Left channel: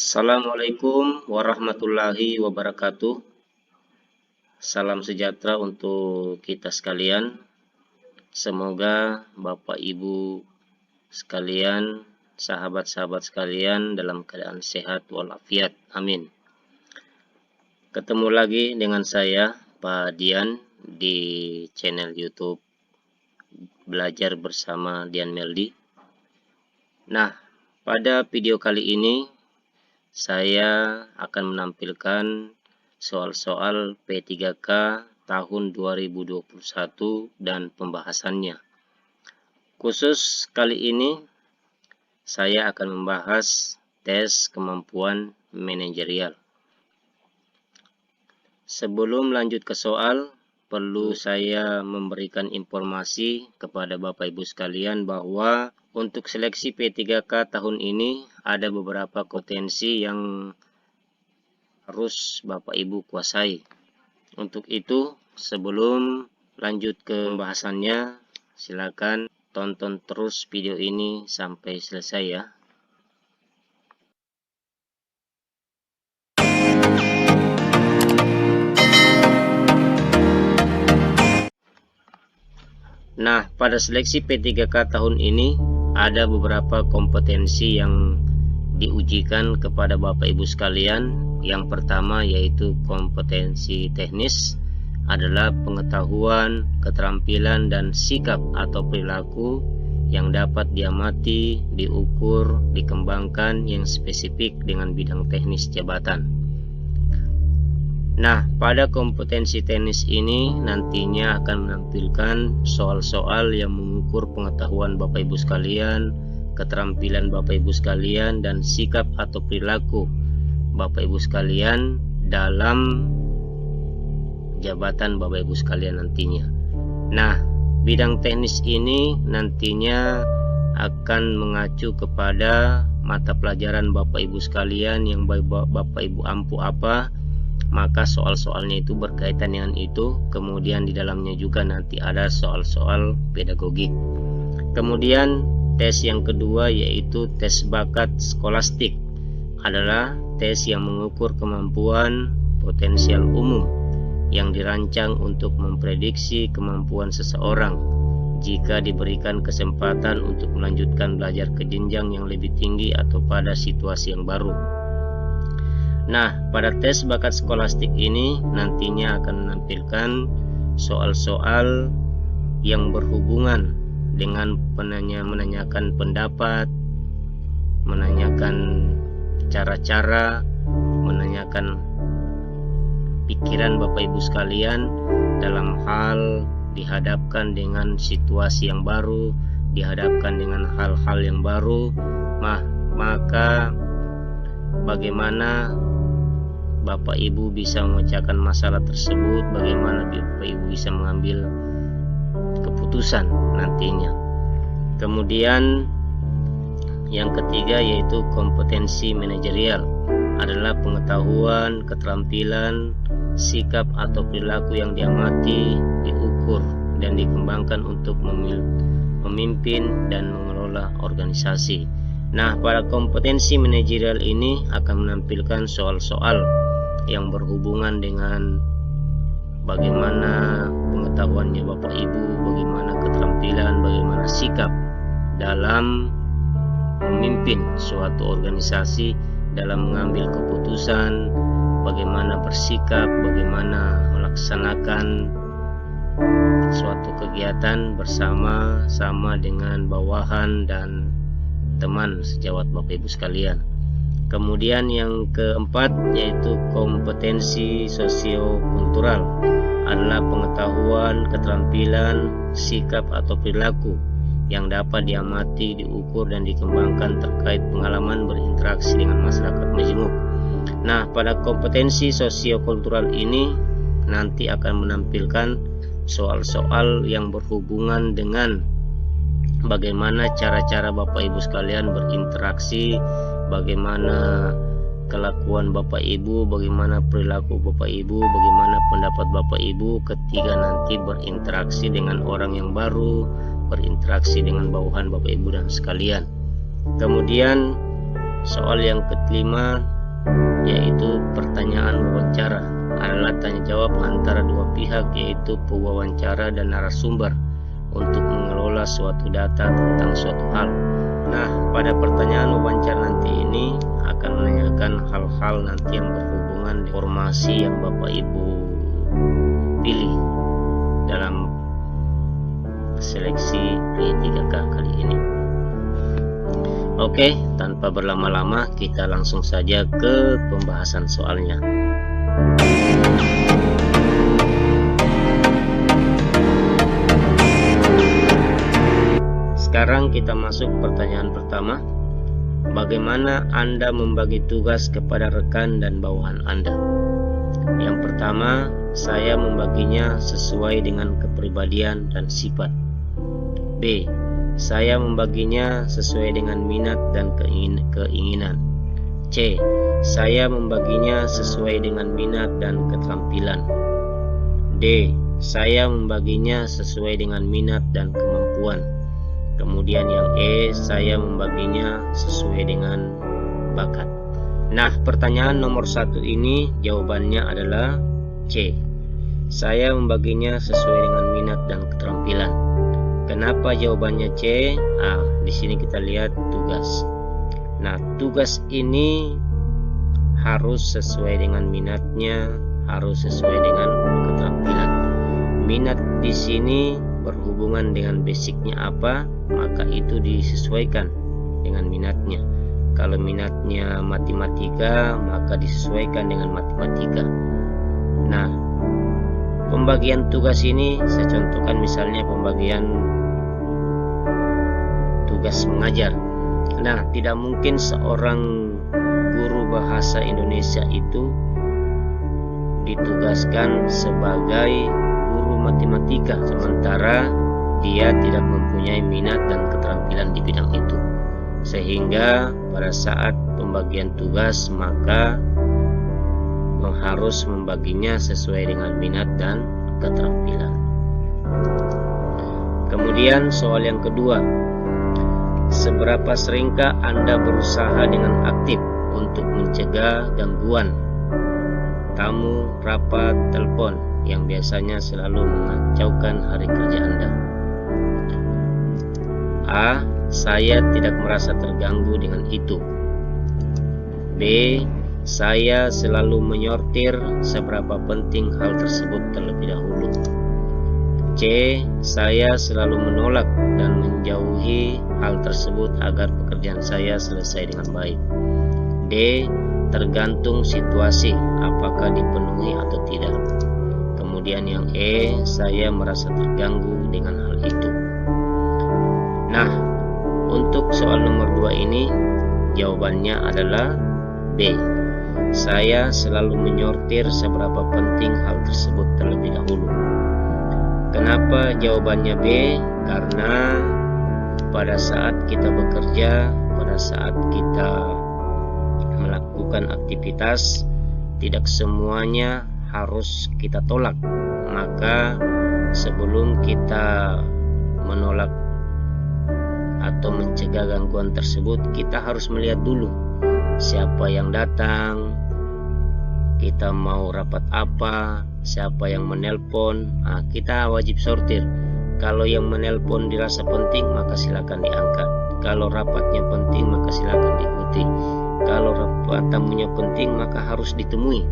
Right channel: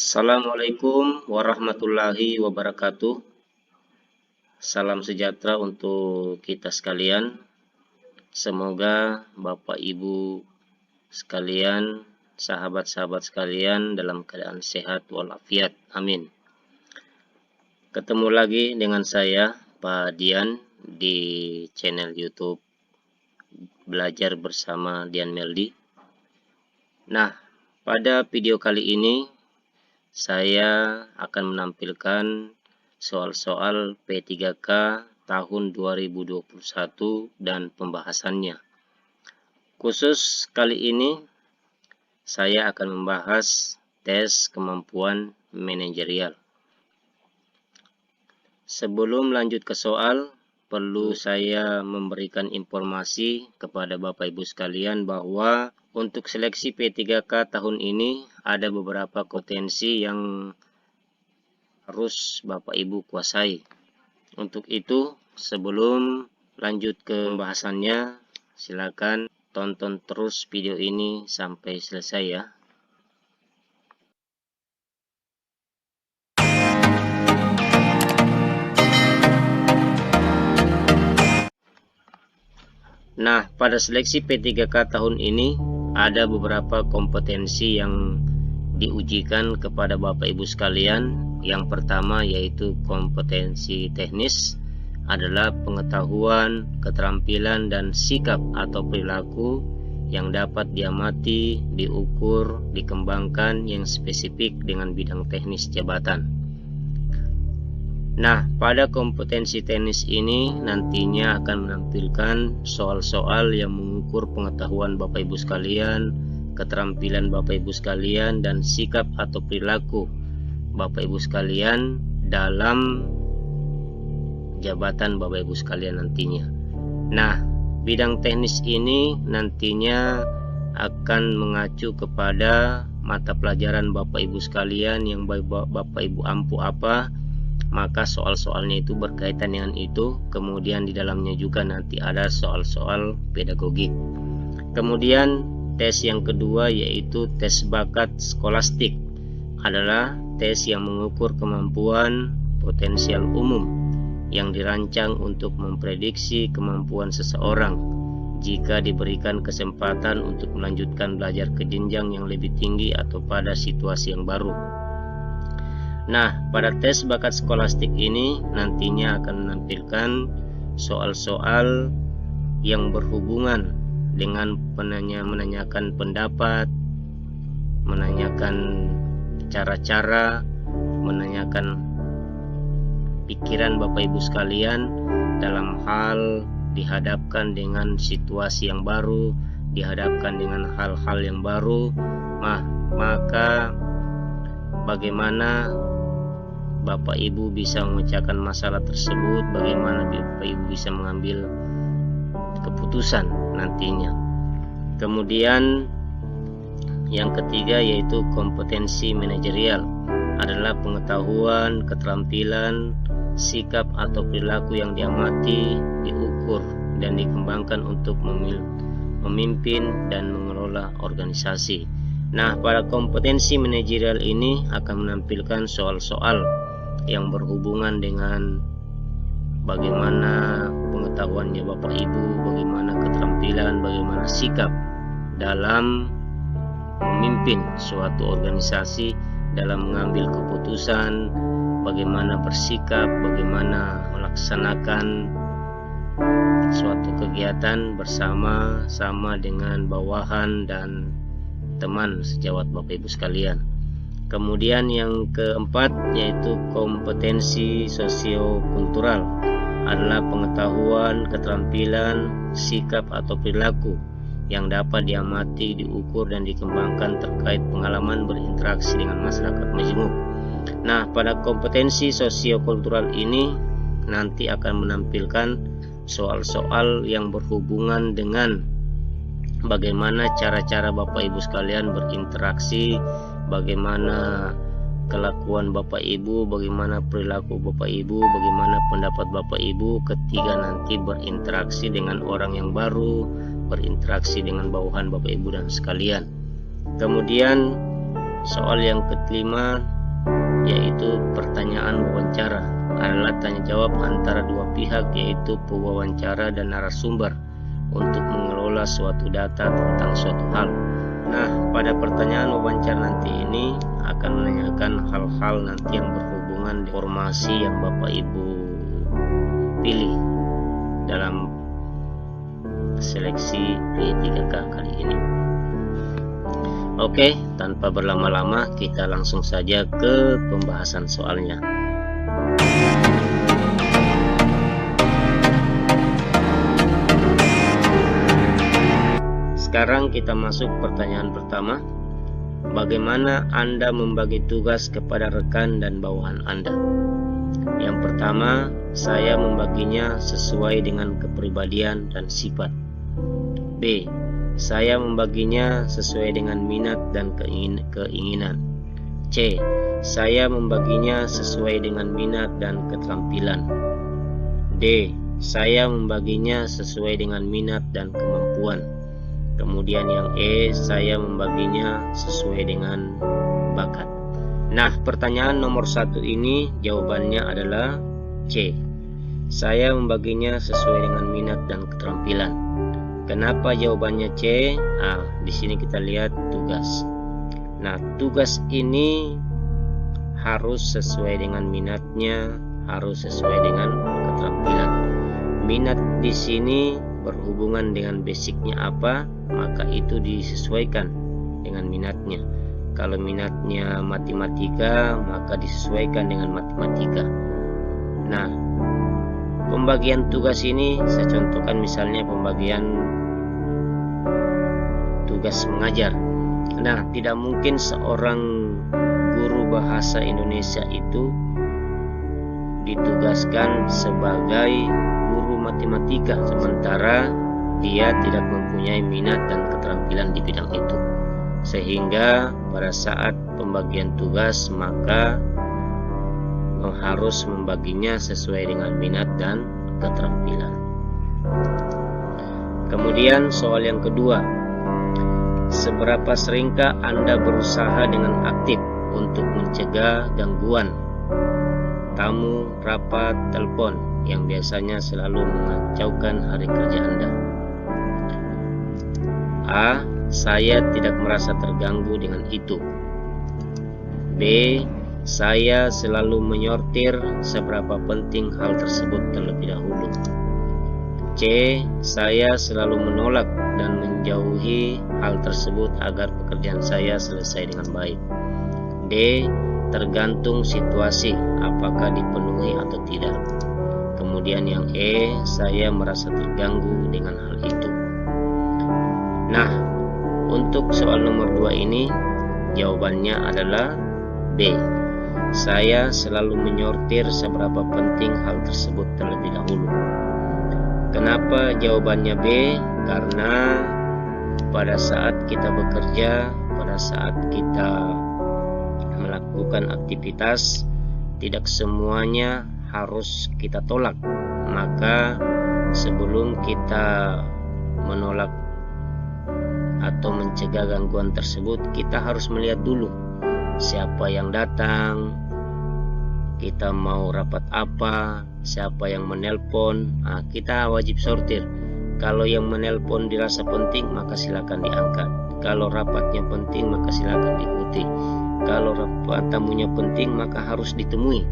Assalamualaikum warahmatullahi wabarakatuh. Salam sejahtera untuk kita sekalian. Semoga Bapak Ibu sekalian, sahabat-sahabat sekalian dalam keadaan sehat walafiat. Amin. Ketemu lagi dengan saya, Pak Dian, di channel YouTube Belajar Bersama Dian Meldi. Nah, pada video kali ini saya akan menampilkan soal-soal P3K tahun 2021 dan pembahasannya. Khusus kali ini saya akan membahas tes kemampuan manajerial. Sebelum lanjut ke soal, perlu saya memberikan informasi kepada Bapak Ibu sekalian bahwa untuk seleksi P3K tahun ini ada beberapa kompetensi yang harus Bapak Ibu kuasai. Untuk itu, sebelum lanjut ke pembahasannya, silakan tonton terus video ini sampai selesai ya. Nah, pada seleksi P3K tahun ini ada beberapa kompetensi yang diujikan kepada Bapak Ibu sekalian. Yang pertama yaitu kompetensi teknis, adalah pengetahuan, keterampilan, dan sikap atau perilaku yang dapat diamati, diukur, dikembangkan yang spesifik dengan bidang teknis jabatan. Nah, pada kompetensi teknis ini nantinya akan menampilkan soal-soal yang mengukur pengetahuan Bapak Ibu sekalian, keterampilan Bapak Ibu sekalian, dan sikap atau perilaku Bapak Ibu sekalian dalam jabatan Bapak Ibu sekalian nantinya. Nah, bidang teknis ini nantinya akan mengacu kepada mata pelajaran Bapak Ibu sekalian yang Bapak Ibu ampuh apa, maka soal-soalnya itu berkaitan dengan itu. Kemudian di dalamnya juga nanti ada soal-soal pedagogik. Kemudian tes yang kedua yaitu tes bakat skolastik, adalah tes yang mengukur kemampuan potensial umum yang dirancang untuk memprediksi kemampuan seseorang jika diberikan kesempatan untuk melanjutkan belajar ke jenjang yang lebih tinggi atau pada situasi yang baru. Nah, pada tes bakat skolastik ini nantinya akan menampilkan soal-soal yang berhubungan dengan menanyakan pendapat, menanyakan cara-cara, menanyakan pikiran Bapak Ibu sekalian dalam hal dihadapkan dengan situasi yang baru, dihadapkan dengan hal-hal yang baru, maka bagaimana Bapak Ibu bisa memecahkan masalah tersebut, bagaimana Bapak Ibu bisa mengambil keputusan nantinya. Kemudian yang ketiga yaitu kompetensi manajerial, adalah pengetahuan, keterampilan, sikap atau perilaku yang diamati, diukur, dan dikembangkan untuk memimpin dan mengelola organisasi. Nah, pada kompetensi manajerial ini akan menampilkan soal-soal yang berhubungan dengan bagaimana pengetahuannya Bapak Ibu, bagaimana keterampilan, bagaimana sikap dalam memimpin suatu organisasi, dalam mengambil keputusan, bagaimana bersikap, bagaimana melaksanakan suatu kegiatan bersama-sama dengan bawahan dan teman sejawat Bapak Ibu sekalian. Kemudian yang keempat yaitu kompetensi sosiokultural, adalah pengetahuan, keterampilan, sikap atau perilaku yang dapat diamati, diukur, dan dikembangkan terkait pengalaman berinteraksi dengan masyarakat majemuk. Nah, pada kompetensi sosiokultural ini nanti akan menampilkan soal-soal yang berhubungan dengan bagaimana cara-cara Bapak Ibu sekalian berinteraksi, bagaimana kelakuan Bapak Ibu, bagaimana perilaku Bapak Ibu, bagaimana pendapat Bapak Ibu ketika nanti berinteraksi dengan orang yang baru, berinteraksi dengan bawahan Bapak Ibu dan sekalian. Kemudian soal yang kelima, yaitu pertanyaan wawancara, adalah tanya jawab antara dua pihak, yaitu pewawancara dan narasumber, untuk mengelola suatu data tentang suatu hal. Nah, pada pertanyaan wawancara nanti ini akan menanyakan hal-hal nanti yang berhubungan dengan informasi yang Bapak Ibu pilih dalam seleksi P3K kali ini. Oke, tanpa berlama-lama kita langsung saja ke pembahasan soalnya. Sekarang kita masuk pertanyaan pertama. Bagaimana Anda membagi tugas kepada rekan dan bawahan Anda? Yang pertama, saya membaginya sesuai dengan kepribadian dan sifat. B. Saya membaginya sesuai dengan minat dan keinginan. C. Saya membaginya sesuai dengan minat dan keterampilan. D. Saya membaginya sesuai dengan minat dan kemampuan. Kemudian yang E, saya membaginya sesuai dengan bakat. Nah, pertanyaan nomor 1 ini jawabannya adalah C. Saya membaginya sesuai dengan minat dan keterampilan. Kenapa jawabannya C? Di sini kita lihat tugas. Nah, tugas ini harus sesuai dengan minatnya, harus sesuai dengan keterampilan. Minat di sini berhubungan dengan basicnya apa, maka itu disesuaikan dengan minatnya. Kalau minatnya matematika, maka disesuaikan dengan matematika. Nah, pembagian tugas ini saya contohkan misalnya pembagian tugas mengajar. Nah, tidak mungkin seorang guru bahasa Indonesia itu ditugaskan sebagai guru matematika sementara dia tidak mempunyai minat dan keterampilan di bidang itu. Sehingga pada saat pembagian tugas maka harus membaginya sesuai dengan minat dan keterampilan. Kemudian soal yang kedua, seberapa seringkah Anda berusaha dengan aktif untuk mencegah gangguan tamu, rapat, telepon yang biasanya selalu mengacaukan hari kerja Anda? A. Saya tidak merasa terganggu dengan itu. B. Saya selalu menyortir seberapa penting hal tersebut terlebih dahulu. C. Saya selalu menolak dan menjauhi hal tersebut agar pekerjaan saya selesai dengan baik. D. Tergantung situasi, apakah dipenuhi atau tidak. Kemudian yang E. Saya merasa terganggu dengan hal itu. Nah, untuk soal nomor 2 ini jawabannya adalah B. Saya selalu menyortir seberapa penting hal tersebut terlebih dahulu. Kenapa jawabannya B? Karena pada saat kita bekerja, pada saat kita melakukan aktivitas, tidak semuanya harus kita tolak. Maka sebelum kita menolak atau mencegah gangguan tersebut, kita harus melihat dulu siapa yang datang, kita mau rapat apa, siapa yang menelpon. Kita wajib sortir. Kalau yang menelpon dirasa penting, maka silakan diangkat. Kalau rapatnya penting, maka silakan diikuti. Kalau rapat tamunya penting, maka harus ditemui.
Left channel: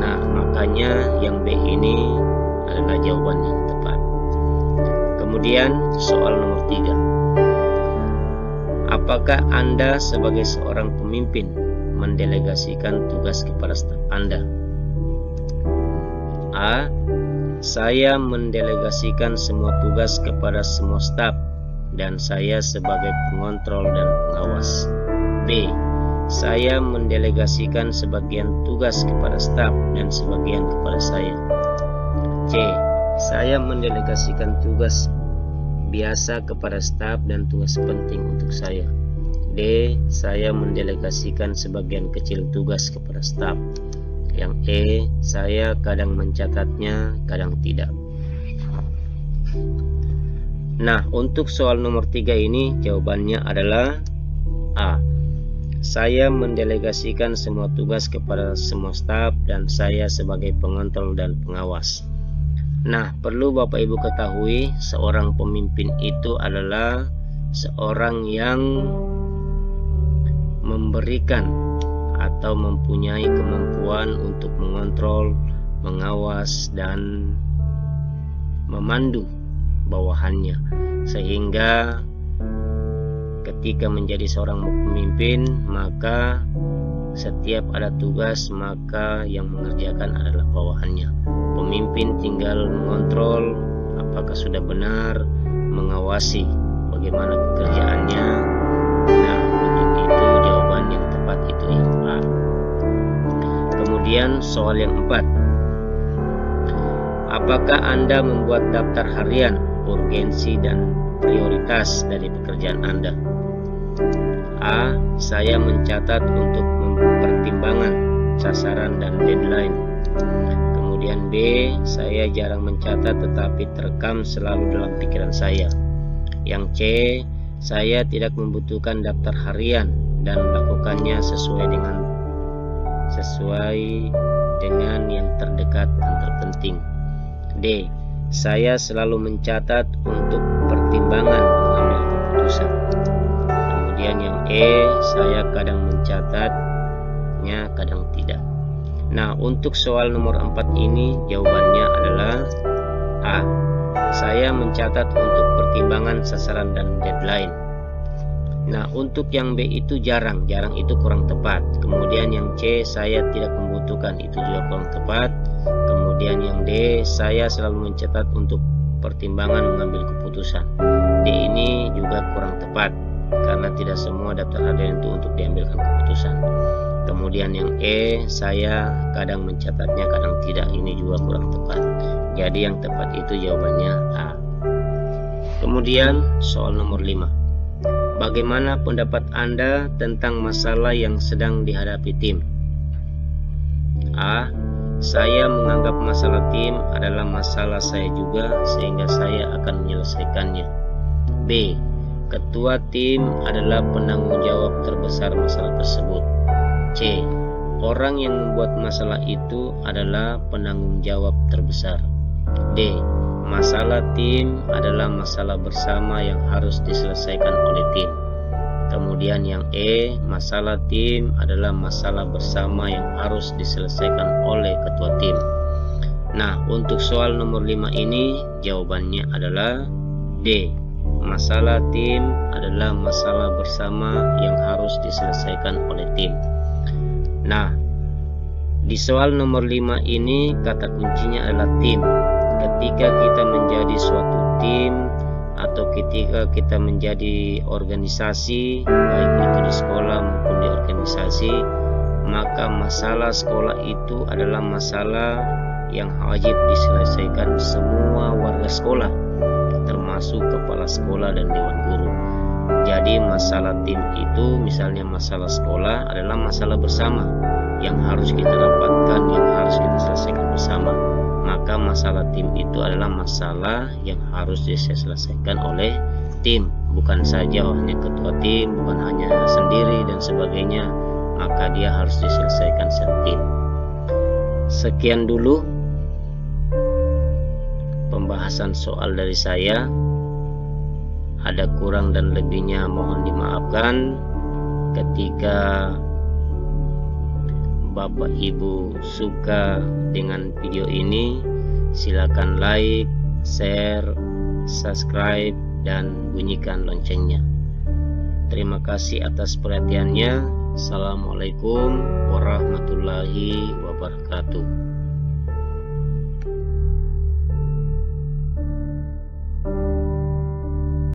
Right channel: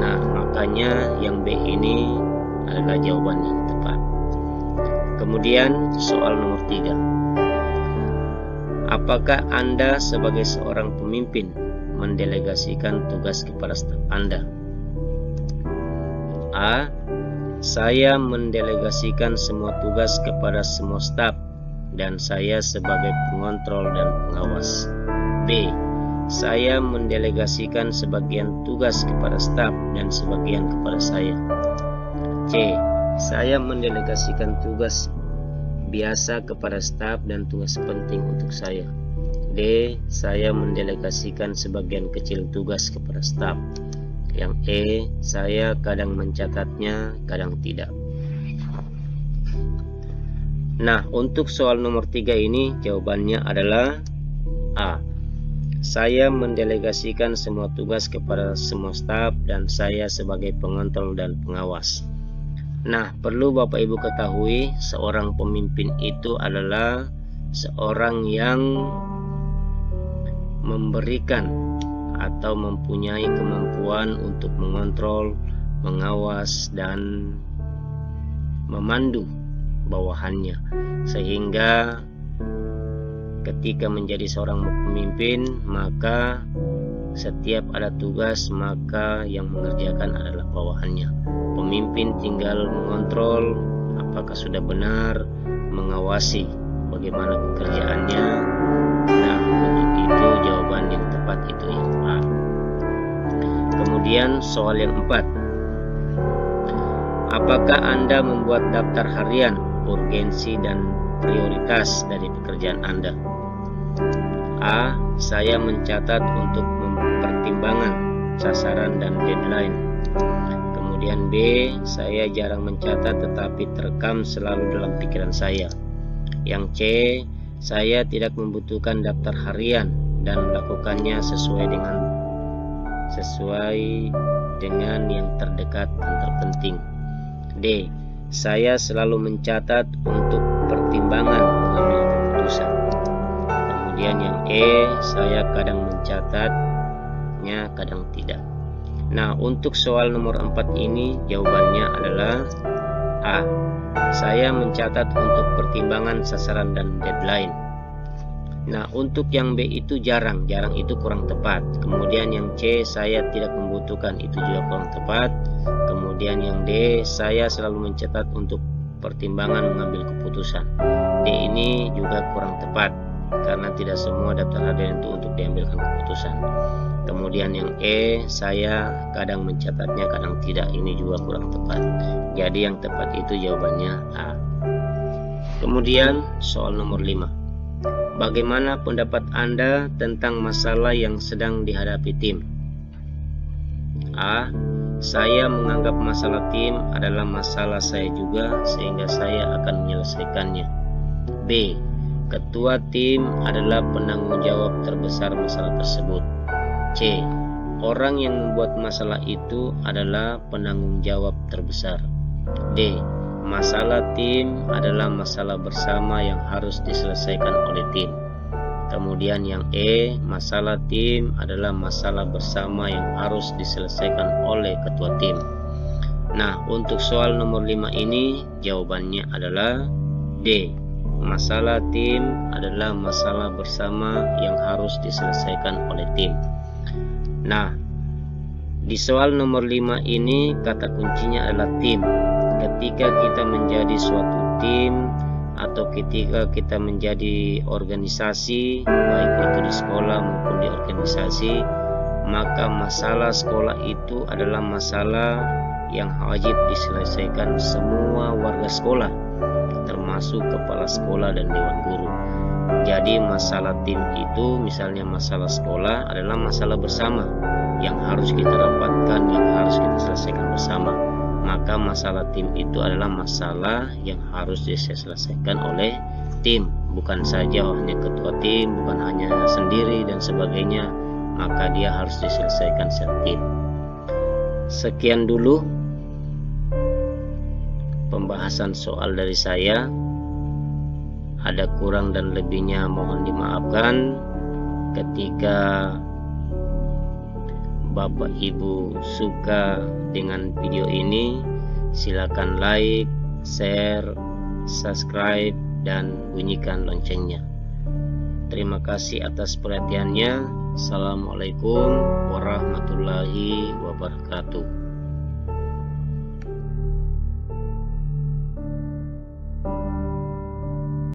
Nah, makanya yang B ini adalah jawaban yang tepat. Kemudian soal nomor 3. Apakah Anda sebagai seorang pemimpin mendelegasikan tugas kepada staf Anda? A. Saya mendelegasikan semua tugas kepada semua staf dan saya sebagai pengontrol dan pengawas. B. Saya mendelegasikan sebagian tugas kepada staf dan sebagian kepada saya. C. Saya mendelegasikan tugas biasa kepada staf dan tugas penting untuk saya. D. Saya mendelegasikan sebagian kecil tugas kepada staf. Yang E. Saya kadang mencatatnya, kadang tidak. Nah, untuk soal nomor 3 ini jawabannya adalah A. saya mendelegasikan semua tugas kepada semua staf dan saya sebagai pengontrol dan pengawas. Nah, perlu Bapak Ibu ketahui, seorang pemimpin itu adalah seorang yang memberikan atau mempunyai kemampuan untuk mengontrol, mengawas, dan memandu bawahannya, sehingga ketika menjadi seorang pemimpin, maka setiap ada tugas, maka yang mengerjakan adalah bawahannya. Pemimpin tinggal mengontrol apakah sudah benar, mengawasi bagaimana pekerjaannya. Nah, untuk itu jawaban yang tepat itu yang A. Kemudian soal yang 4. Apakah Anda membuat daftar harian, urgensi dan prioritas dari pekerjaan Anda? A. Saya mencatat untuk mempertimbangkan sasaran dan deadline. Kemudian B. Saya jarang mencatat tetapi terekam selalu dalam pikiran saya. Yang C. Saya tidak membutuhkan daftar harian dan melakukannya sesuai dengan yang terdekat dan terpenting. D. Saya selalu mencatat untuk pertimbangan mengambil keputusan. Kemudian yang E. Saya kadang mencatatnya, kadang tidak. Nah, untuk soal nomor 4 ini jawabannya adalah A. Saya mencatat untuk pertimbangan sasaran dan deadline. Nah, untuk yang B itu jarang itu kurang tepat. Kemudian yang C, saya tidak membutuhkan, itu juga kurang tepat. Kemudian yang D, saya selalu mencatat untuk pertimbangan mengambil keputusan. D ini juga kurang tepat karena tidak semua daftar harian itu untuk diambilkan keputusan. Kemudian yang E, saya kadang mencatatnya, kadang tidak, ini juga kurang tepat. Jadi yang tepat itu jawabannya A. Kemudian soal nomor 5. Bagaimana pendapat Anda tentang masalah yang sedang dihadapi tim? A. Saya menganggap masalah tim adalah masalah saya juga, sehingga saya akan menyelesaikannya. B. Ketua tim adalah penanggung jawab terbesar masalah tersebut. C. Orang yang membuat masalah itu adalah penanggung jawab terbesar. D. Masalah tim adalah masalah bersama yang harus diselesaikan oleh tim. Kemudian yang E, masalah tim adalah masalah bersama yang harus diselesaikan oleh ketua tim. Nah, untuk soal nomor 5 ini jawabannya adalah D. Masalah tim adalah masalah bersama yang harus diselesaikan oleh tim. Nah, di soal nomor 5 ini kata kuncinya adalah tim. Ketika kita menjadi suatu tim atau ketika kita menjadi organisasi, baik itu di sekolah maupun di organisasi, maka masalah sekolah itu adalah masalah yang wajib diselesaikan semua warga sekolah, termasuk kepala sekolah dan dewan guru. Jadi masalah tim itu, misalnya masalah sekolah, adalah masalah bersama yang harus kita rapatkan, yang harus kita selesaikan bersama. Maka masalah tim itu adalah masalah yang harus diselesaikan oleh tim, bukan saja hanya ketua tim, bukan hanya sendiri dan sebagainya, maka dia harus diselesaikan secara tim. Sekian dulu pembahasan soal dari saya. Ada kurang dan lebihnya mohon dimaafkan. Ketika Bapak Ibu suka dengan video ini, silakan like, share, subscribe, dan bunyikan loncengnya. Terima kasih atas perhatiannya. Assalamualaikum warahmatullahi wabarakatuh.